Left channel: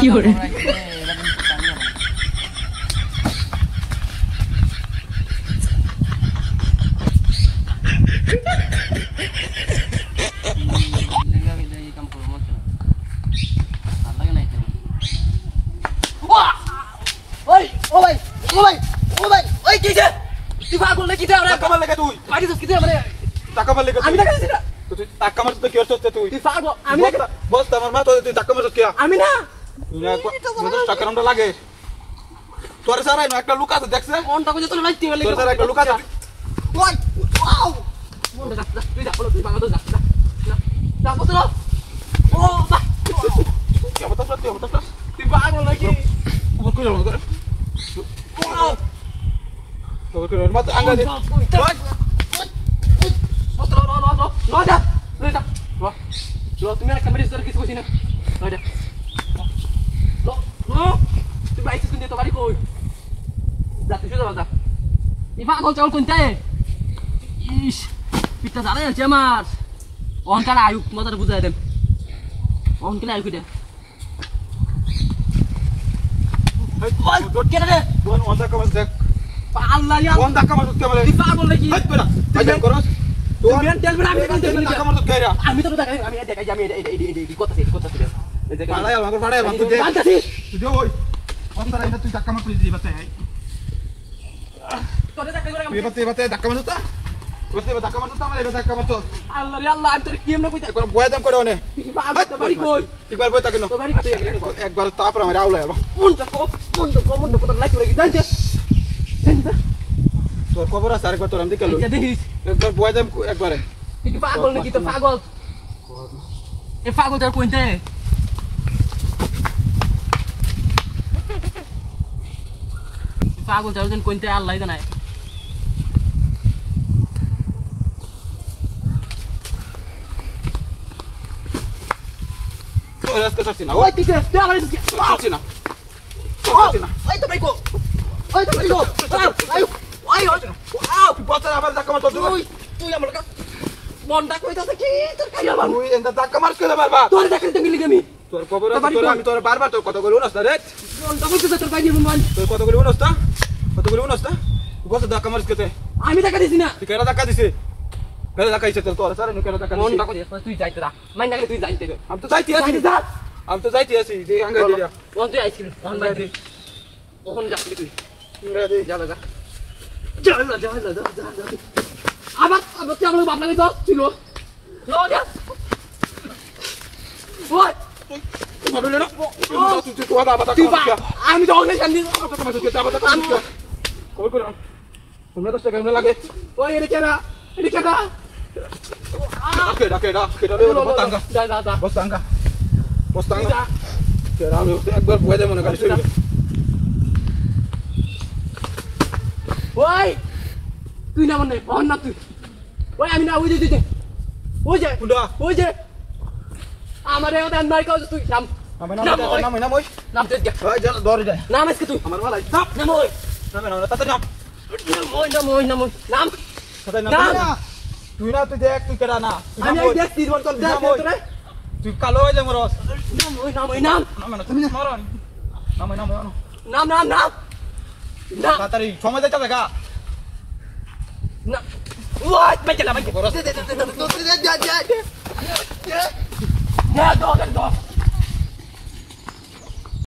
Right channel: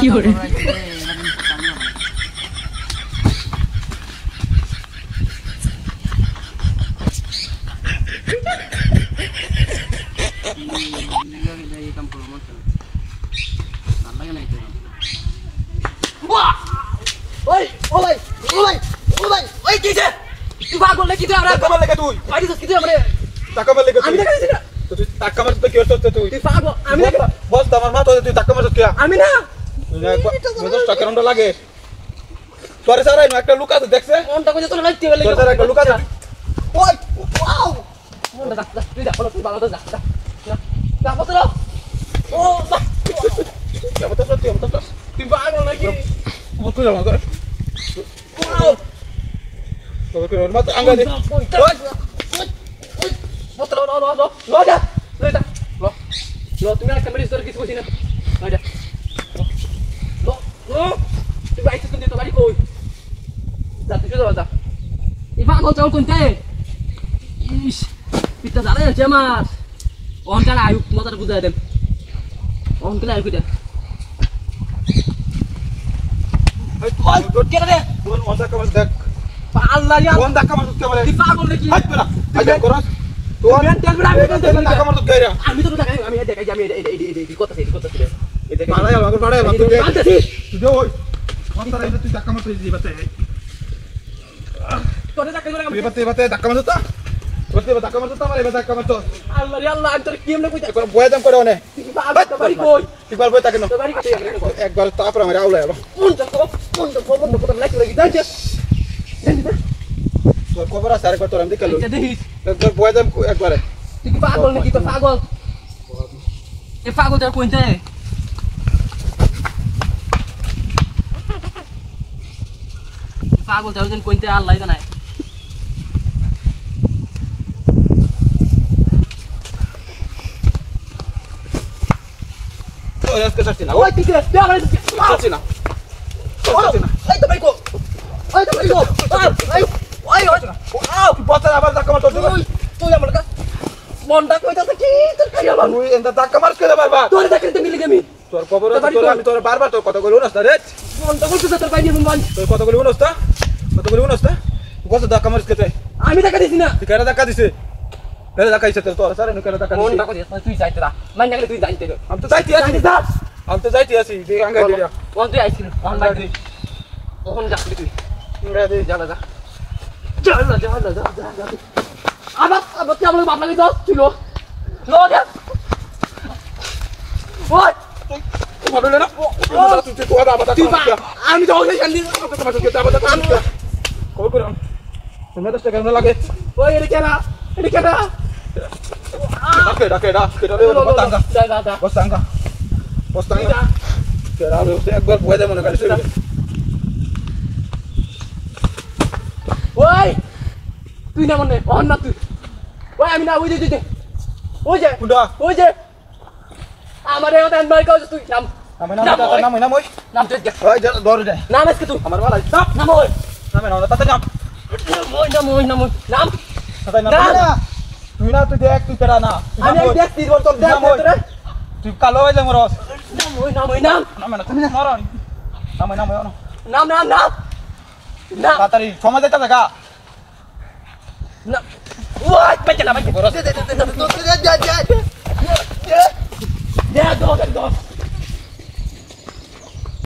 কি করে তুই পাগল নাকি তুই আমরা টাকা লাগে তুই আইডি কি তুই আমরা টাকা লাগে আমি টাকা দিছি না তুই টাকা মারতে কি করতে তুই তুই পাগল আমি না বল আমার মা তো তুই টাকা মারতে কি আমি না তুই টাকা রন্ড লাগে তোরে সারাই একটা লুকা তো দেখছে কোনটা কইতে তোর লাগতে বলে তোর একটা লুকা ওই ওয়াও মন দা তুই যা তুই বাবা তো যা যা বস ও বা তুই পাগল নাকি তুই কই যাও করে wow Tôi kêu nó mất ăn đi. Rồi. Mất rồi. Rồi ra. Lên ta. Rồi. Rồi tụi mày camera store কিছু কইছিস না. Rồi ra. Rồi. Tụi bay cứ đi tao đi coi. Dạ তুই চলে যা. Ifa call চল কোনতে? ইস. পিতা জালে আছে আমার। অন কালা আয়ু মজাটা বুঝাই দেন। অন কালা আয়ু কইটা। ওই কে রে? দোন অন দেখা বস দেখ। আল্লাহ ইয়া কোন টাকা মারতে বলে তুই পাগল নাকি হাত করা আইডেন করস তো মেন তেল বড় আমি টাকা মারতে গেরা আমি তো টাকা আমি দেখাই আমি এই কথা এই দেখে বাড়াই আমাকে বাড়াই তুই বানতাছি তুই দে ওই কোন তারা এটা তুই টাকা মারতে দিবি বাচ্চা তোরে টাকা করে আমি বাতে টাকা মারতে করতে টাকা মারতে আমার এবার টাকা মারতে আল্লাহ রে আল্লাহ আমি তোর কি এমনে কইতা বয় দাম করে ওনে বাড়ি কই একবার বই টাকা নো বাড়ি কই একবার তারপর আমার আউলা কোন কথা লাগি লাগি যাচ্ছে তোর খবর আছে আরেকবার তোর আমি দেখালো এটা দেখিস তোর বয় দাম একবারে তুই কি পাগল নাকি তো পাগল এ পাগল তোর কোনতে পাগল তোর কোন কোনতে আল্লাহ জানে ওরে আজকে ছাড়ছি না ওই ঠিক আছে আমার ছাড়ছি না এই তো ভাই কো ওই তো ভাই কো আই ওই আও তুই পচা আবার টাকা মার তুই আমার কাছে মনটা কইতাছে কি তোর খালি আমার তুই এন্ড টাকা মারছ কে মারবা তোর দেখতে মিলি গেমি তোর খবর আছে তোর আমি তোর বারবার তোর কথা কইলো না রে মনটা কইতাছে তোর বাইনি মন তোর কথা কইলো না কত টাকা মারছ কে আমি টাকা দিছি না তুই কেন টাকা দিছিস কেন টাকা দিছিস তোর সারা নো কেন টাকা দিছিস মনটা কইতাছে তুই যাইতে দা মাইন গেলে তুই যাইতে আমি তো যাইতে আছি দে আঙ্গা দিয়া কোন তুই আইছিস কোন বাইতে কোন যাচ্ছিস তুই যা আবার আমার বাপ লাগে দশ ছিল আমি তো তোমরা 10 টাকা লাগে ওই এর কেনা ডাকে বস্তাঙ্গা একবার বয়ে দেয় মনে করিস ওই তুই না মনে অন না তুই ওই আমি না ওই যে আমারে ওটা মার কাজ তুই নাম নাম তুই ওই দর দে নাম আজকে তুই আমার মালা নাম ওই নাম তাতে নাম তুই না তুই দেখ তুই কেডা না আমি দেখ তিন বছর দেখ তোরে তুই কালো হয়ে যাম রস নাম না তাড়াতাড়ি সময় দিতে হবে গা না ওই পেছলা ভাই